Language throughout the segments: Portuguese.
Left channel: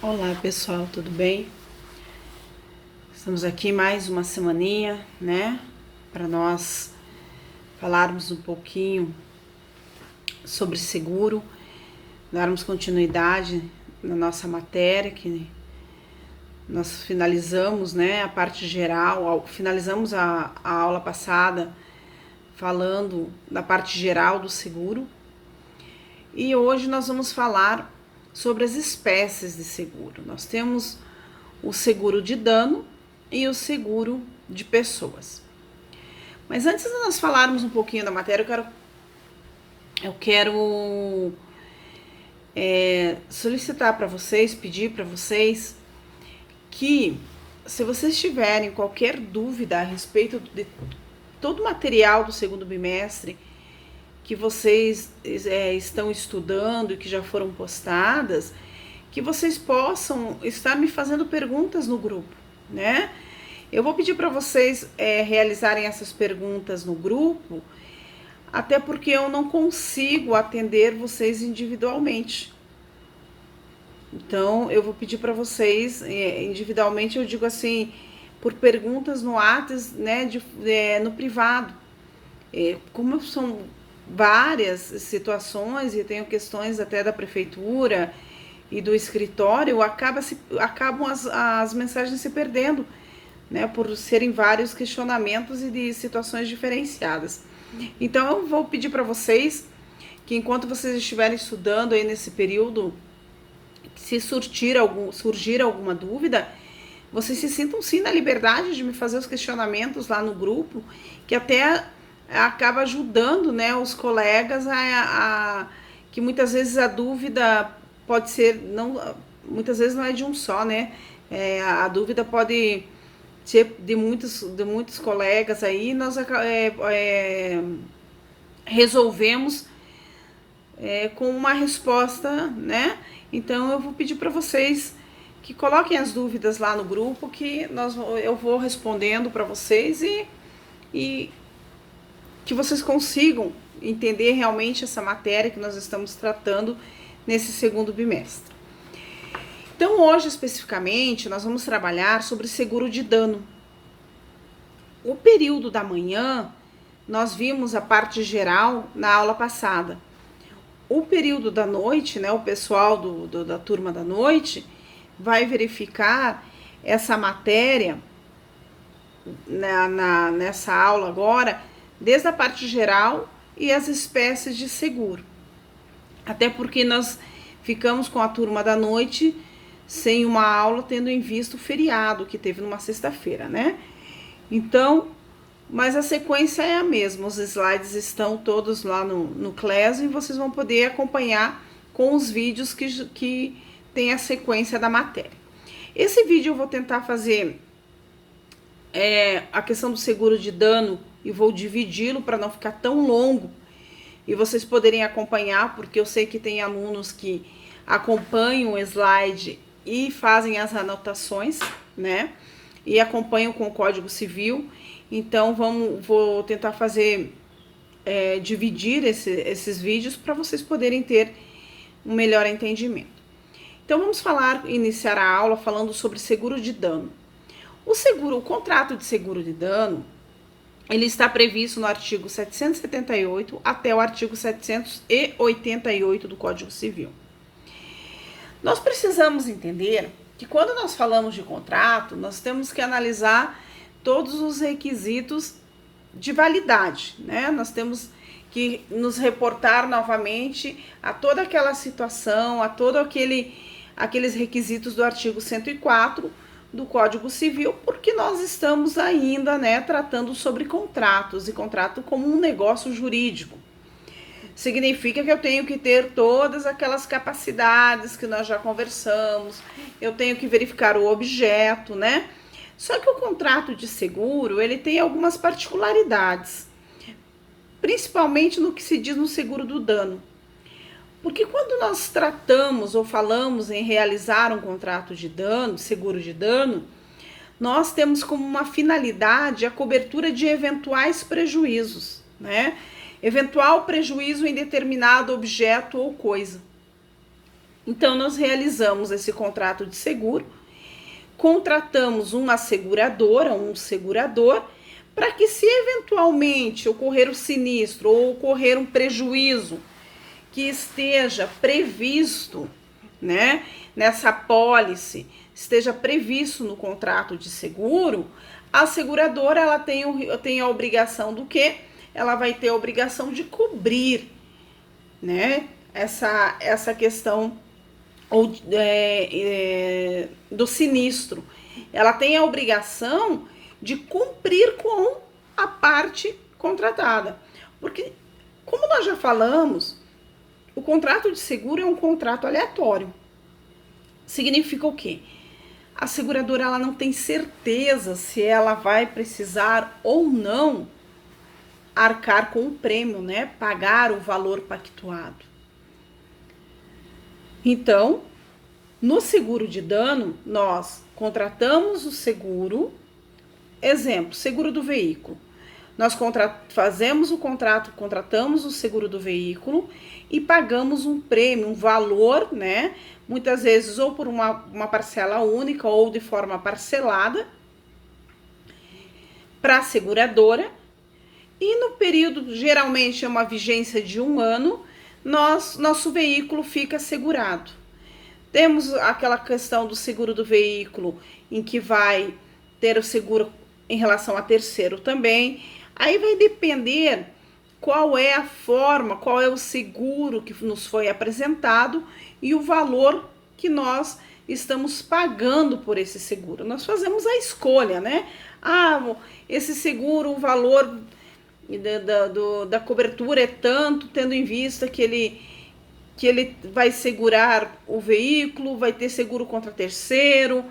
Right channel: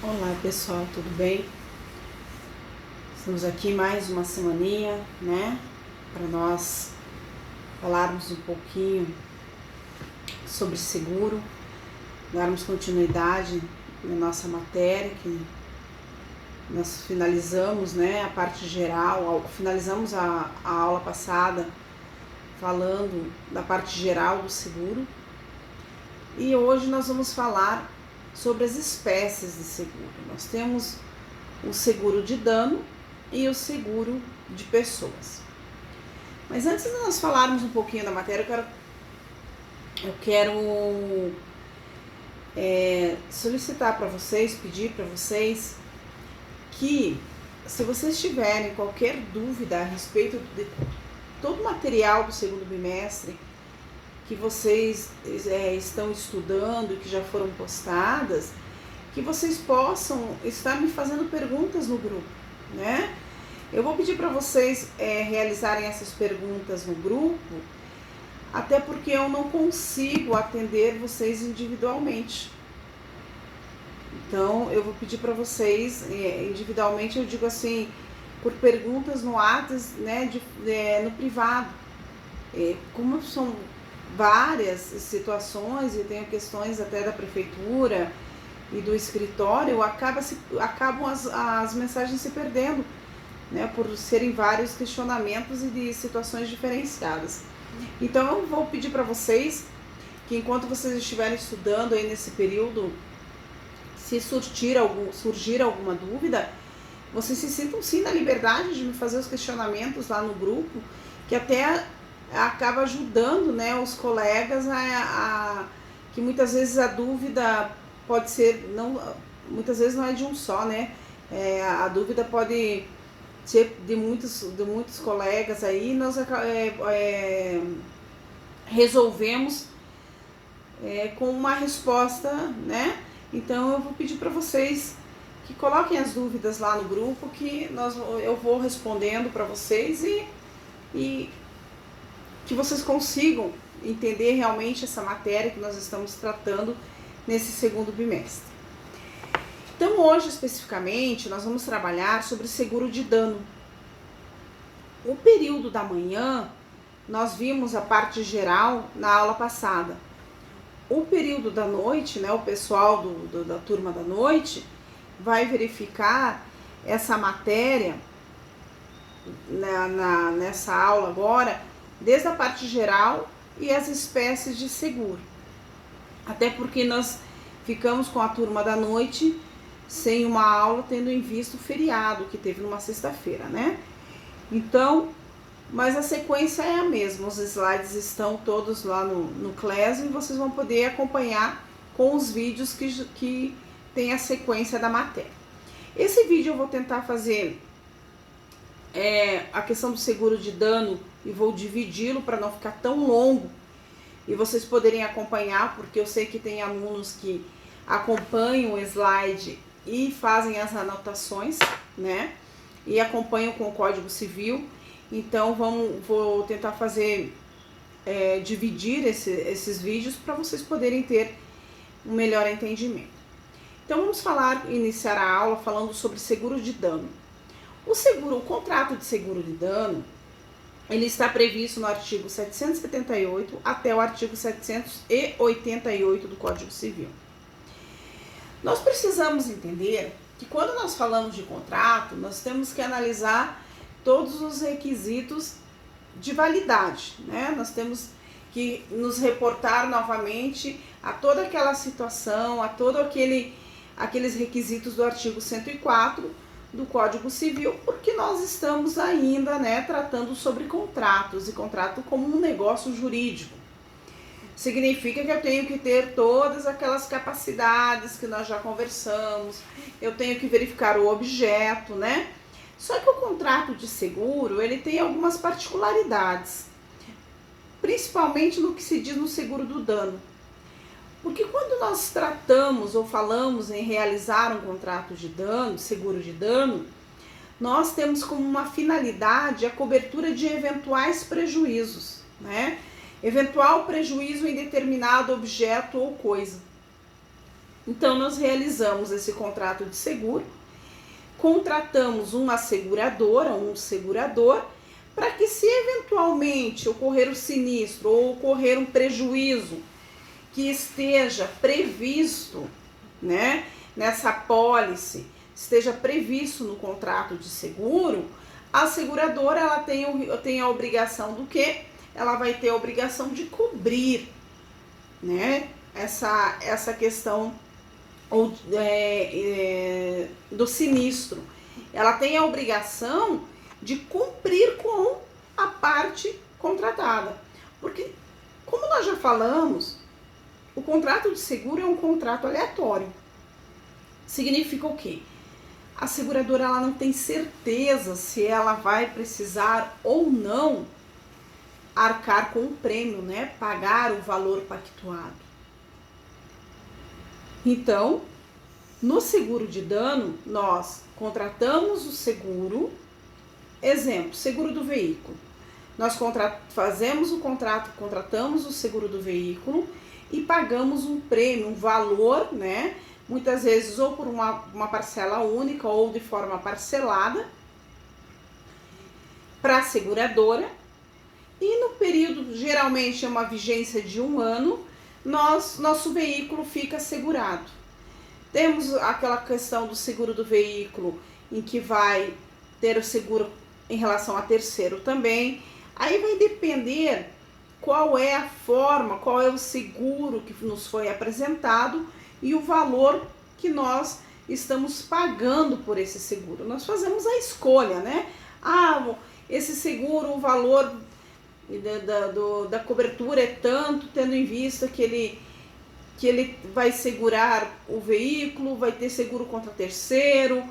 Olá pessoal, tudo bem? Estamos aqui mais uma semaninha, né? Para nós falarmos um pouquinho sobre seguro, darmos continuidade na nossa matéria, que nós finalizamos, né? A parte geral, finalizamos a aula passada falando da parte geral do seguro. E hoje nós vamos falar sobre as espécies de seguro. Nós temos o seguro de dano e o seguro de pessoas. Mas antes de nós falarmos um pouquinho da matéria, eu quero solicitar para vocês, pedir para vocês que, se vocês tiverem qualquer dúvida a respeito de todo o material do segundo bimestre que vocês estão estudando e que já foram postadas, que vocês possam estar me fazendo perguntas no grupo, né? Eu vou pedir para vocês realizarem essas perguntas no grupo, até porque eu não consigo atender vocês individualmente. Então, eu vou pedir para vocês individualmente, eu digo assim, por perguntas no WhatsApp, né, no privado. Como são várias situações e tenho questões até da prefeitura e do escritório, acabam as mensagens se perdendo, né, por serem vários questionamentos e de situações diferenciadas. Então eu vou pedir para vocês que, enquanto vocês estiverem estudando aí nesse período, se surgir alguma dúvida, vocês se sintam sim na liberdade de me fazer os questionamentos lá no grupo, que até acaba ajudando, né, os colegas que muitas vezes a dúvida pode ser, muitas vezes não é de um só, né? A dúvida pode ser de muitos colegas aí, nós resolvemos com uma resposta, né? Então eu vou pedir para vocês que coloquem as dúvidas lá no grupo, que eu vou respondendo para vocês e que vocês consigam entender realmente essa matéria que nós estamos tratando nesse segundo bimestre. Então, hoje especificamente, nós vamos trabalhar sobre seguro de dano. O período da manhã, nós vimos a parte geral na aula passada. O período da noite, né, o pessoal da turma da noite vai verificar essa matéria nessa aula agora, desde a parte geral e as espécies de seguro. Até porque nós ficamos com a turma da noite sem uma aula, tendo em vista o feriado que teve numa sexta-feira, né? Então, mas a sequência é a mesma, os slides estão todos lá no Classroom e vocês vão poder acompanhar com os vídeos que tem a sequência da matéria. Esse vídeo eu vou tentar fazer a questão do seguro de dano e vou dividi-lo para não ficar tão longo e vocês poderem acompanhar, porque eu sei que tem alunos que acompanham o slide e fazem as anotações, né? E acompanham com o Código Civil. Então, vou tentar fazer, dividir esses vídeos para vocês poderem ter um melhor entendimento. Então, vamos iniciar a aula falando sobre seguro de dano. O contrato de seguro de dano, ele está previsto no artigo 778 até o artigo 788 do Código Civil. Nós precisamos entender que, quando nós falamos de contrato, nós temos que analisar todos os requisitos de validade, né? Nós temos que nos reportar novamente a toda aquela situação, a todos aqueles requisitos do artigo 104 do Código Civil, porque nós estamos ainda, né, tratando sobre contratos, e contrato como um negócio jurídico. Significa que eu tenho que ter todas aquelas capacidades que nós já conversamos, eu tenho que verificar o objeto, né? Só que o contrato de seguro, ele tem algumas particularidades, principalmente no que se diz no seguro do dano. Porque quando nós tratamos ou falamos em realizar um contrato de dano, seguro de dano, nós temos como uma finalidade a cobertura de eventuais prejuízos, né? Eventual prejuízo em determinado objeto ou coisa. Então, nós realizamos esse contrato de seguro, contratamos uma seguradora, um segurador, para que, se eventualmente ocorrer o sinistro ou ocorrer um prejuízo que esteja previsto, né, nessa apólice, esteja previsto no contrato de seguro, a seguradora ela tem a obrigação do quê? Ela vai ter a obrigação de cobrir, né, essa questão do sinistro. Ela tem a obrigação de cumprir com a parte contratada. Porque, como nós já falamos, o contrato de seguro é um contrato aleatório. Significa o quê? A seguradora ela não tem certeza se ela vai precisar ou não arcar com o prêmio, né? Pagar o valor pactuado. Então, no seguro de dano, nós contratamos o seguro, exemplo, seguro do veículo. Nós fazemos o contrato, contratamos o seguro do veículo e pagamos um prêmio, um valor, né? Muitas vezes ou por uma parcela única ou de forma parcelada para a seguradora. E no período, geralmente é uma vigência de 1 ano, nosso veículo fica segurado. Temos aquela questão do seguro do veículo, em que vai ter o seguro em relação a terceiro também. Aí vai depender qual é a forma, qual é o seguro que nos foi apresentado e o valor que nós estamos pagando por esse seguro. Nós fazemos a escolha, né? Esse seguro, o valor da cobertura é tanto, tendo em vista que ele vai segurar o veículo, vai ter seguro contra terceiro,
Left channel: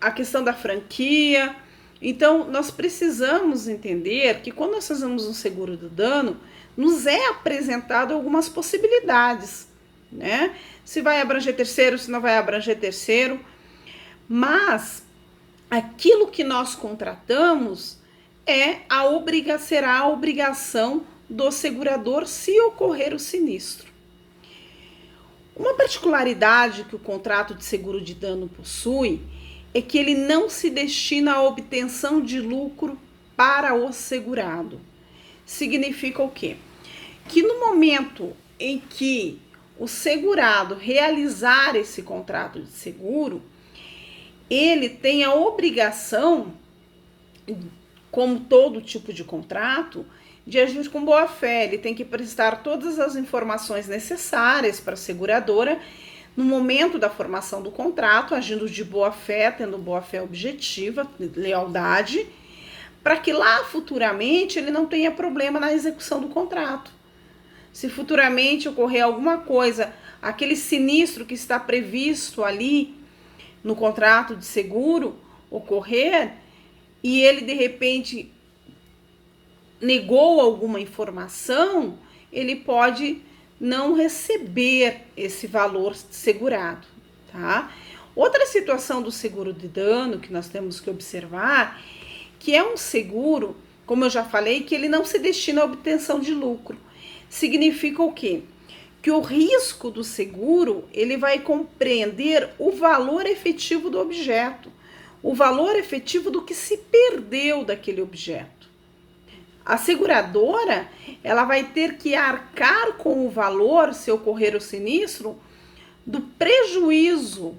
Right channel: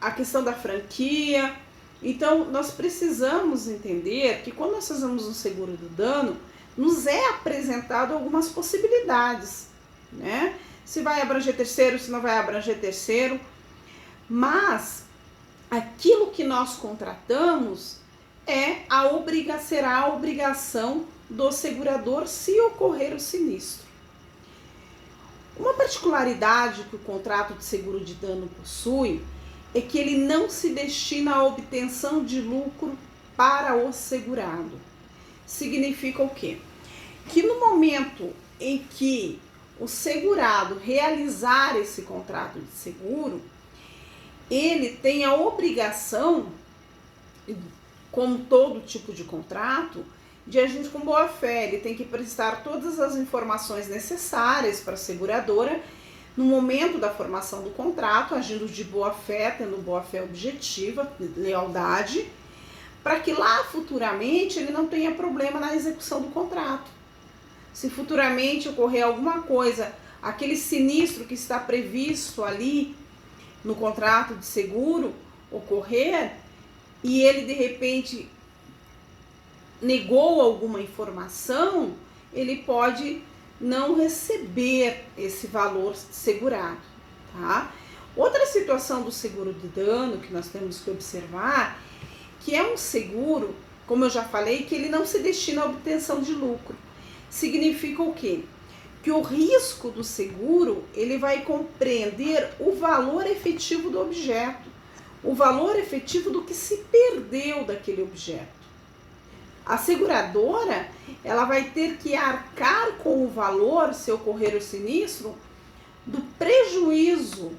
a questão da franquia. Então, nós precisamos entender que quando nós fazemos um seguro do dano, nos é apresentado algumas possibilidades, né? Se vai abranger terceiro, se não vai abranger terceiro, mas aquilo que nós contratamos será a obrigação do segurador se ocorrer o sinistro. Uma particularidade que o contrato de seguro de dano possui é que ele não se destina à obtenção de lucro para o segurado. Significa o quê? Que no momento em que o segurado realizar esse contrato de seguro, ele tem a obrigação, como todo tipo de contrato, de agir com boa fé. Ele tem que prestar todas as informações necessárias para a seguradora no momento da formação do contrato, agindo de boa fé, tendo boa fé objetiva, lealdade, para que lá futuramente ele não tenha problema na execução do contrato. Se futuramente ocorrer alguma coisa, aquele sinistro que está previsto ali no contrato de seguro ocorrer e ele de repente negou alguma informação, ele pode não receber esse valor segurado, tá? Outra situação do seguro de dano que nós temos que observar, que é um seguro, como eu já falei, que ele não se destina à obtenção de lucro. Significa o quê? Que o risco do seguro, ele vai compreender o valor efetivo do objeto, o valor efetivo do que se perdeu daquele objeto. A seguradora, ela vai ter que arcar com o valor, se ocorrer o sinistro, do prejuízo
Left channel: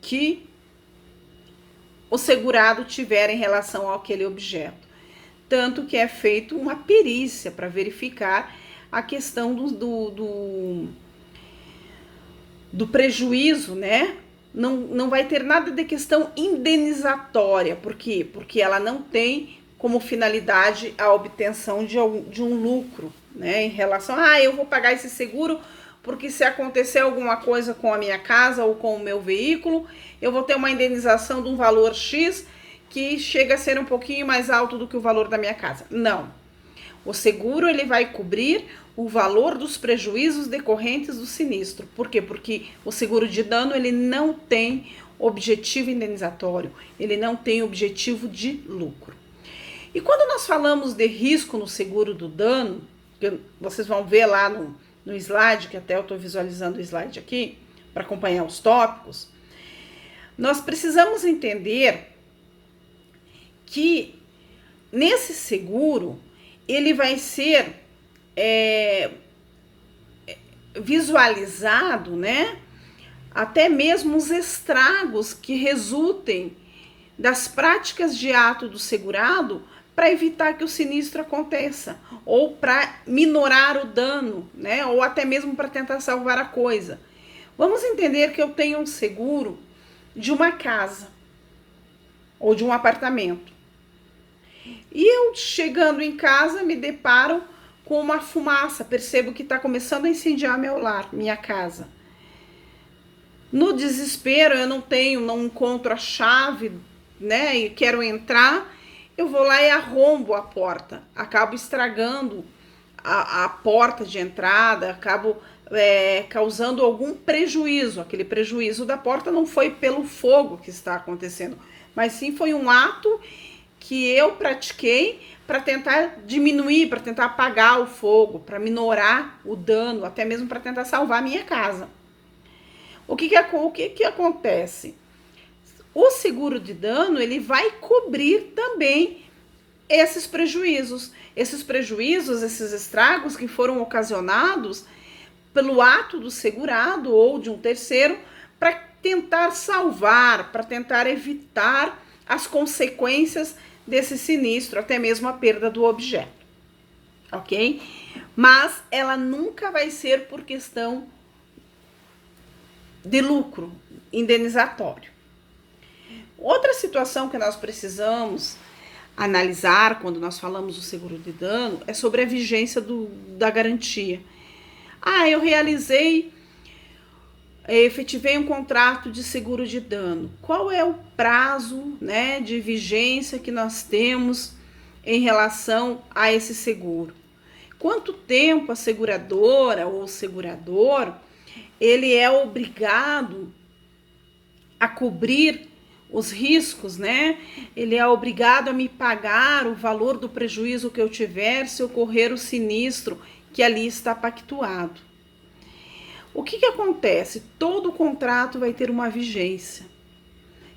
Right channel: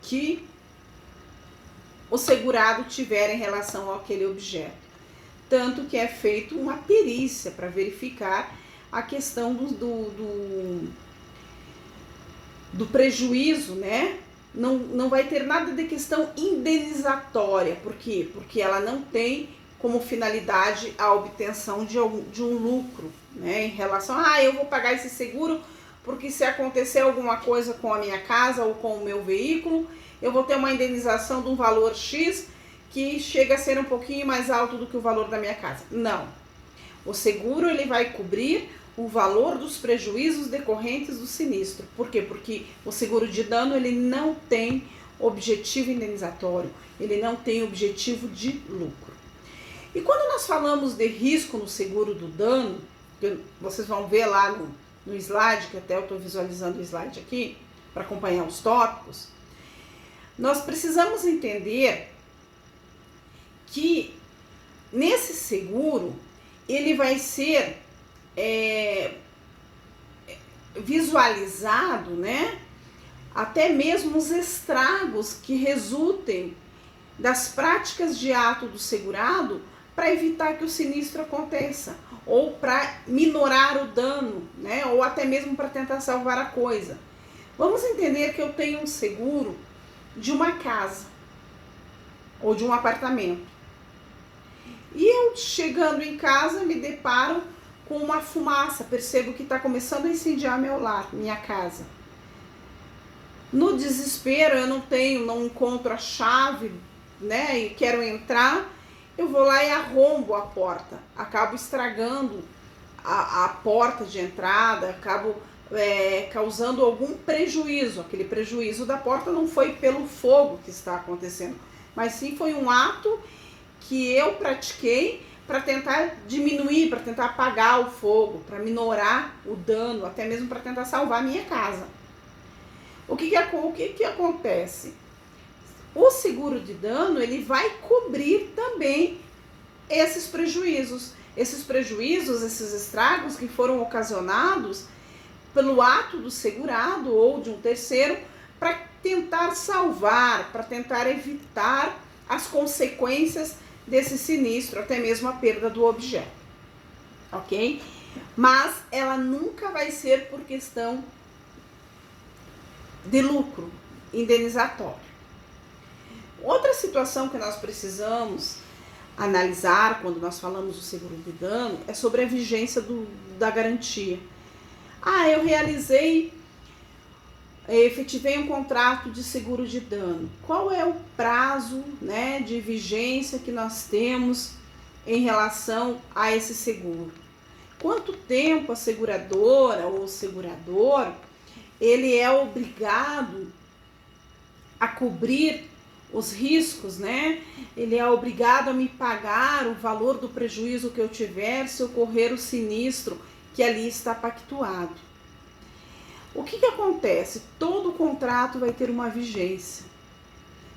que o segurado tiver em relação àquele objeto. Tanto que é feito uma perícia para verificar a questão do prejuízo, né? Não vai ter nada de questão indenizatória. Por quê? Porque ela não tem como finalidade a obtenção de um lucro, né? Em relação eu vou pagar esse seguro porque se acontecer alguma coisa com a minha casa ou com o meu veículo, eu vou ter uma indenização de um valor X que chega a ser um pouquinho mais alto do que o valor da minha casa. Não. O seguro, ele vai cobrir o valor dos prejuízos decorrentes do sinistro. Por quê? Porque o seguro de dano, ele não tem objetivo indenizatório, ele não tem objetivo de lucro. E quando nós falamos de risco no seguro do dano, vocês vão ver lá no slide, que até eu estou visualizando o slide aqui, para acompanhar os tópicos, nós precisamos entender que nesse seguro, ele vai ser visualizado, né? Até mesmo os estragos que resultem das práticas de ato do segurado para evitar que o sinistro aconteça, ou para minorar o dano, né? Ou até mesmo para tentar salvar a coisa. Vamos entender que eu tenho um seguro de uma casa ou de um apartamento. E eu, chegando em casa, me deparo com uma fumaça, percebo que está começando a incendiar meu lar, minha casa. No desespero, eu não encontro a chave, né, e quero entrar, eu vou lá e arrombo a porta, acabo estragando a porta de entrada, acabo causando algum prejuízo. Aquele prejuízo da porta não foi pelo fogo que está acontecendo, mas sim foi um ato que eu pratiquei para tentar diminuir, para tentar apagar o fogo, para minorar o dano, até mesmo para tentar salvar a minha casa. O que acontece? O seguro de dano, ele vai cobrir também esses prejuízos. Esses prejuízos, esses estragos que foram ocasionados pelo ato do segurado ou de um terceiro, para tentar salvar, para tentar evitar as consequências desse sinistro, até mesmo a perda do objeto, ok? Mas ela nunca vai ser por questão de lucro indenizatório. Outra situação que nós precisamos analisar quando nós falamos do seguro de dano é sobre a vigência da garantia. Eu efetivei um contrato de seguro de dano. Qual é o prazo, né, de vigência que nós temos em relação a esse seguro? Quanto tempo a seguradora ou o segurador ele é obrigado a cobrir os riscos, né? Ele é obrigado a me pagar o valor do prejuízo que eu tiver se ocorrer o sinistro que ali está pactuado. O que acontece? Todo contrato vai ter uma vigência.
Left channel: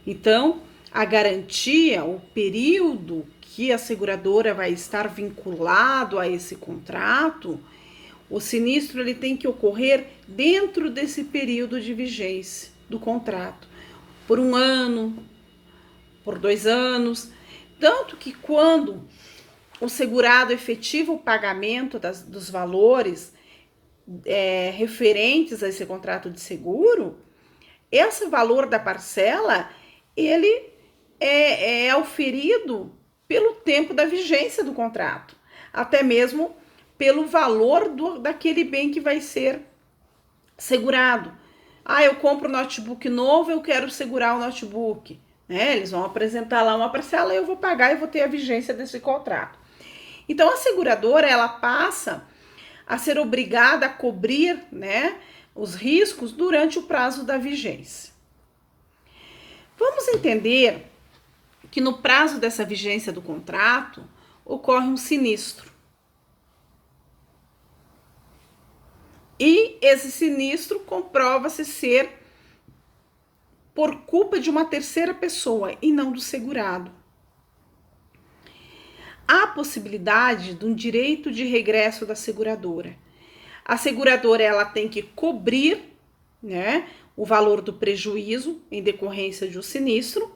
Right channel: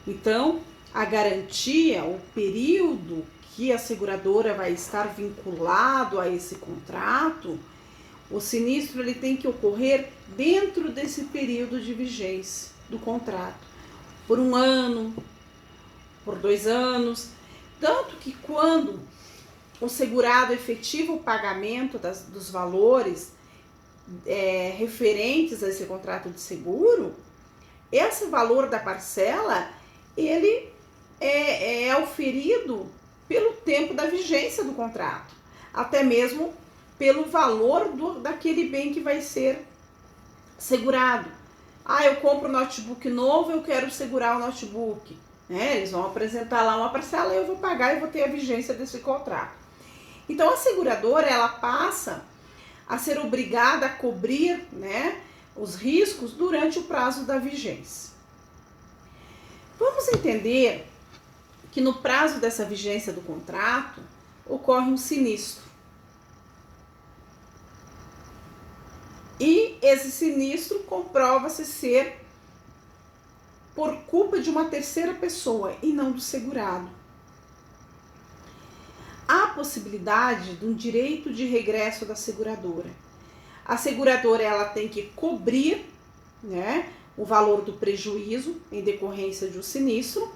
Então, a garantia, o período que a seguradora vai estar vinculado a esse contrato, o sinistro ele tem que ocorrer dentro desse período de vigência do contrato. Por 1 ano, por 2 anos. Tanto que quando o segurado efetiva o pagamento dos valores referentes a esse contrato de seguro, esse valor da parcela, ele é auferido pelo tempo da vigência do contrato, até mesmo pelo valor daquele bem que vai ser segurado. Eu compro um notebook novo, eu quero segurar o notebook, né? Eles vão apresentar lá uma parcela e eu vou pagar e vou ter a vigência desse contrato. Então, a seguradora, ela passa a ser obrigada a cobrir, né, os riscos durante o prazo da vigência. Vamos entender que no prazo dessa vigência do contrato ocorre um sinistro. E esse sinistro comprova-se ser por culpa de uma terceira pessoa e não do segurado. Há possibilidade de um direito de regresso da seguradora. A seguradora ela tem que cobrir, né, o valor do prejuízo em decorrência de um sinistro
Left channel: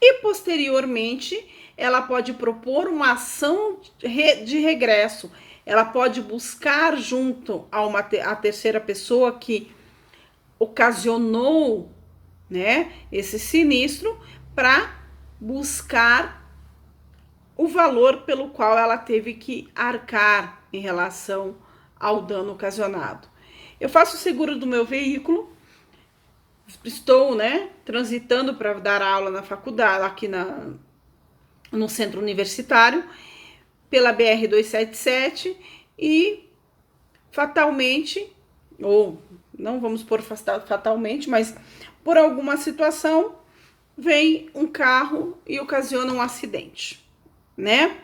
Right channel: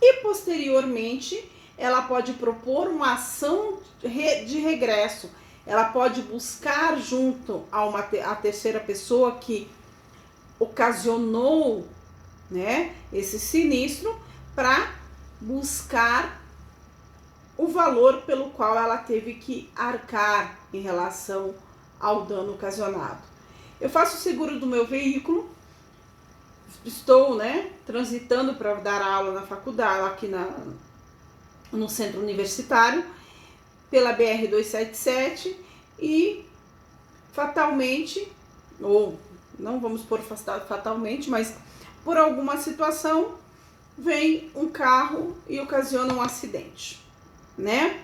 e posteriormente ela pode propor uma ação de regresso. Ela pode buscar junto a terceira pessoa que ocasionou, né, esse sinistro para buscar o valor pelo qual ela teve que arcar em relação ao dano ocasionado. Eu faço o seguro do meu veículo, estou, né, transitando para dar aula na faculdade, aqui no centro universitário, pela BR-277 e fatalmente, ou não vamos pôr fatalmente, mas por alguma situação, vem um carro e ocasiona um acidente, né?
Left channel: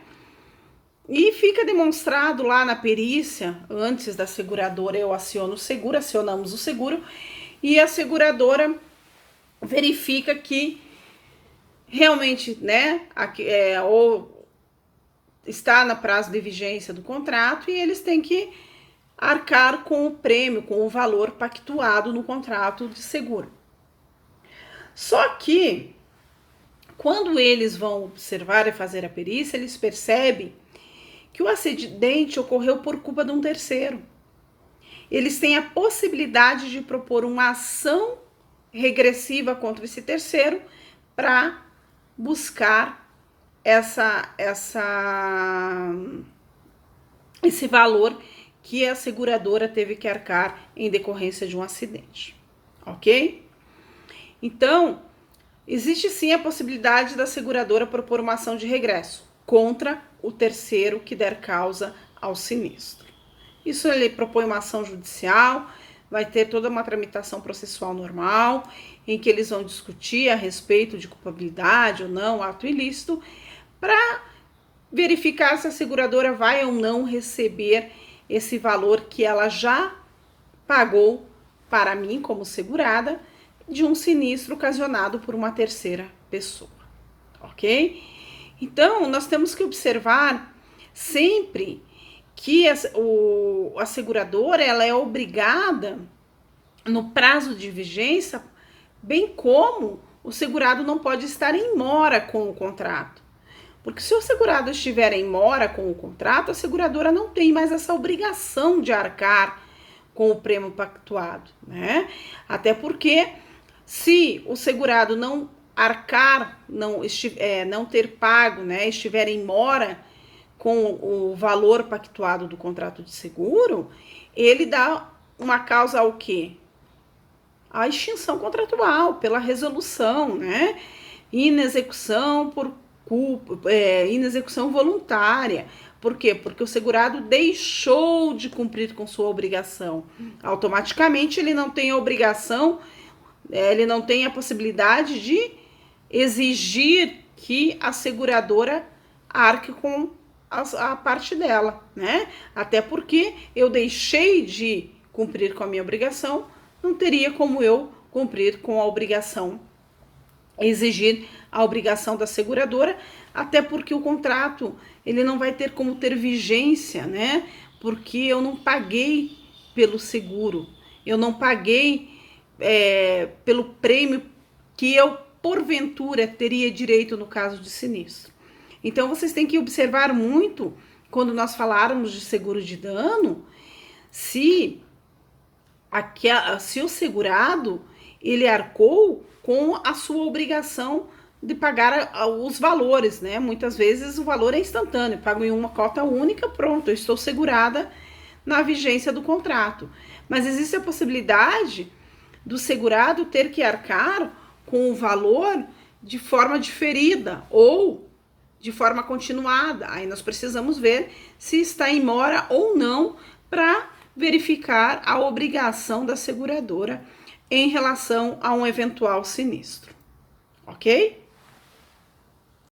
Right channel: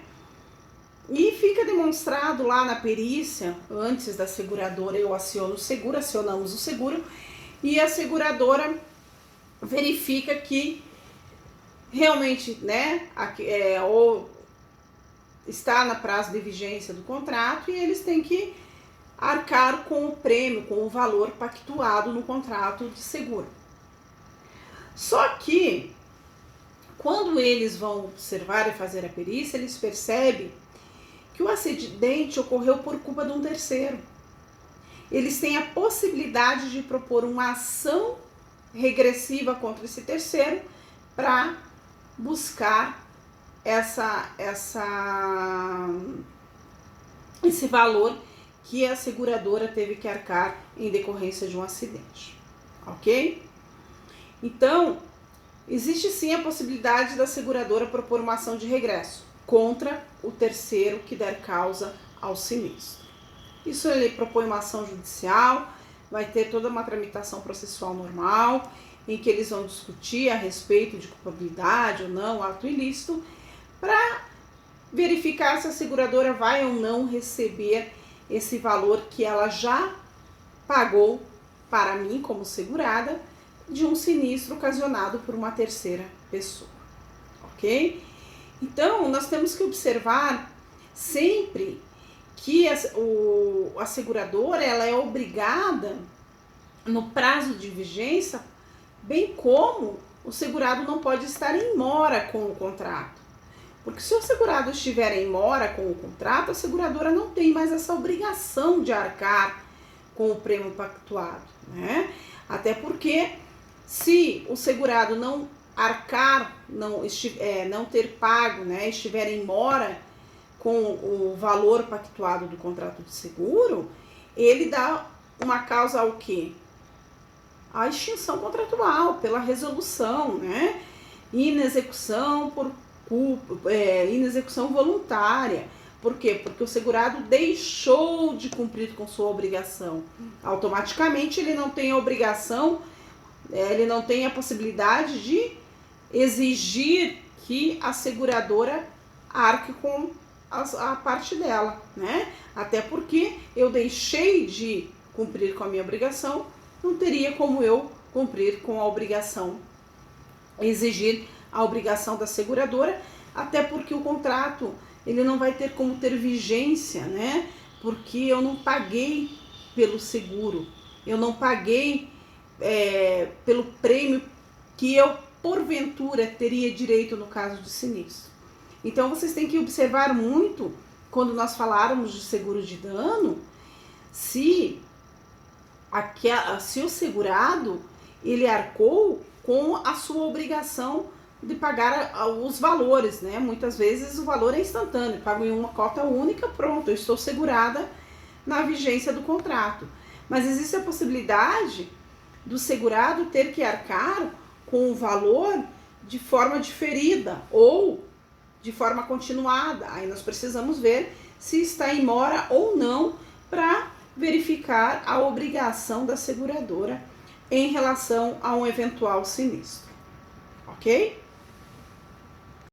E fica demonstrado lá na perícia, antes da seguradora, eu aciono o seguro, acionamos o seguro, e a seguradora verifica que realmente, né, ou está no prazo de vigência do contrato e eles têm que arcar com o prêmio, com o valor pactuado no contrato de seguro. Só que, quando eles vão observar e fazer a perícia, eles percebem que o acidente ocorreu por culpa de um terceiro. Eles têm a possibilidade de propor uma ação regressiva contra esse terceiro para buscar esse valor que a seguradora teve que arcar em decorrência de um acidente, ok? Então, existe sim a possibilidade da seguradora propor uma ação de regresso contra o terceiro que der causa ao sinistro. Isso ele propõe uma ação judicial, vai ter toda uma tramitação processual normal, em que eles vão discutir a respeito de culpabilidade ou não, ato ilícito, para verificar se a seguradora vai ou não receber esse valor que ela já pagou para mim como segurada de um sinistro ocasionado por uma terceira pessoa, ok? Então, nós temos que observar sempre que a seguradora ela é obrigada, no prazo de vigência, bem como o segurado não pode estar em mora com o contrato. Porque se o segurado estiver em mora com o contrato, a seguradora não tem mais essa obrigação de arcar com o prêmio pactuado, né? Até porque se o segurado não arcar, não ter pago, né, estiver em mora com o valor pactuado do contrato de seguro, ele dá uma causa ao quê? A extinção contratual, pela resolução, né? Inexecução por culpa, inexecução voluntária. Por quê? Porque o segurado deixou de cumprir com sua obrigação. Automaticamente ele não tem a obrigação, ele não tem a possibilidade de exigir que a seguradora arque com a parte dela, né? Até porque eu deixei de cumprir com a minha obrigação, não teria como eu cumprir com a obrigação, exigir a obrigação da seguradora, até porque o contrato ele não vai ter como ter vigência, né? Porque eu não paguei pelo seguro, eu não paguei pelo prêmio que eu, porventura, teria direito no caso de sinistro. Então, vocês têm que observar muito, quando nós falarmos de seguro de dano, se o segurado, ele arcou com a sua obrigação de pagar os valores, né? Muitas vezes o valor é instantâneo, pago em uma cota única, pronto, eu estou segurada na vigência do contrato. Mas existe a possibilidade do segurado ter que arcar com o valor de forma diferida ou de forma continuada. Aí nós precisamos ver se está em mora ou não para verificar a obrigação da seguradora em relação a um eventual sinistro, ok?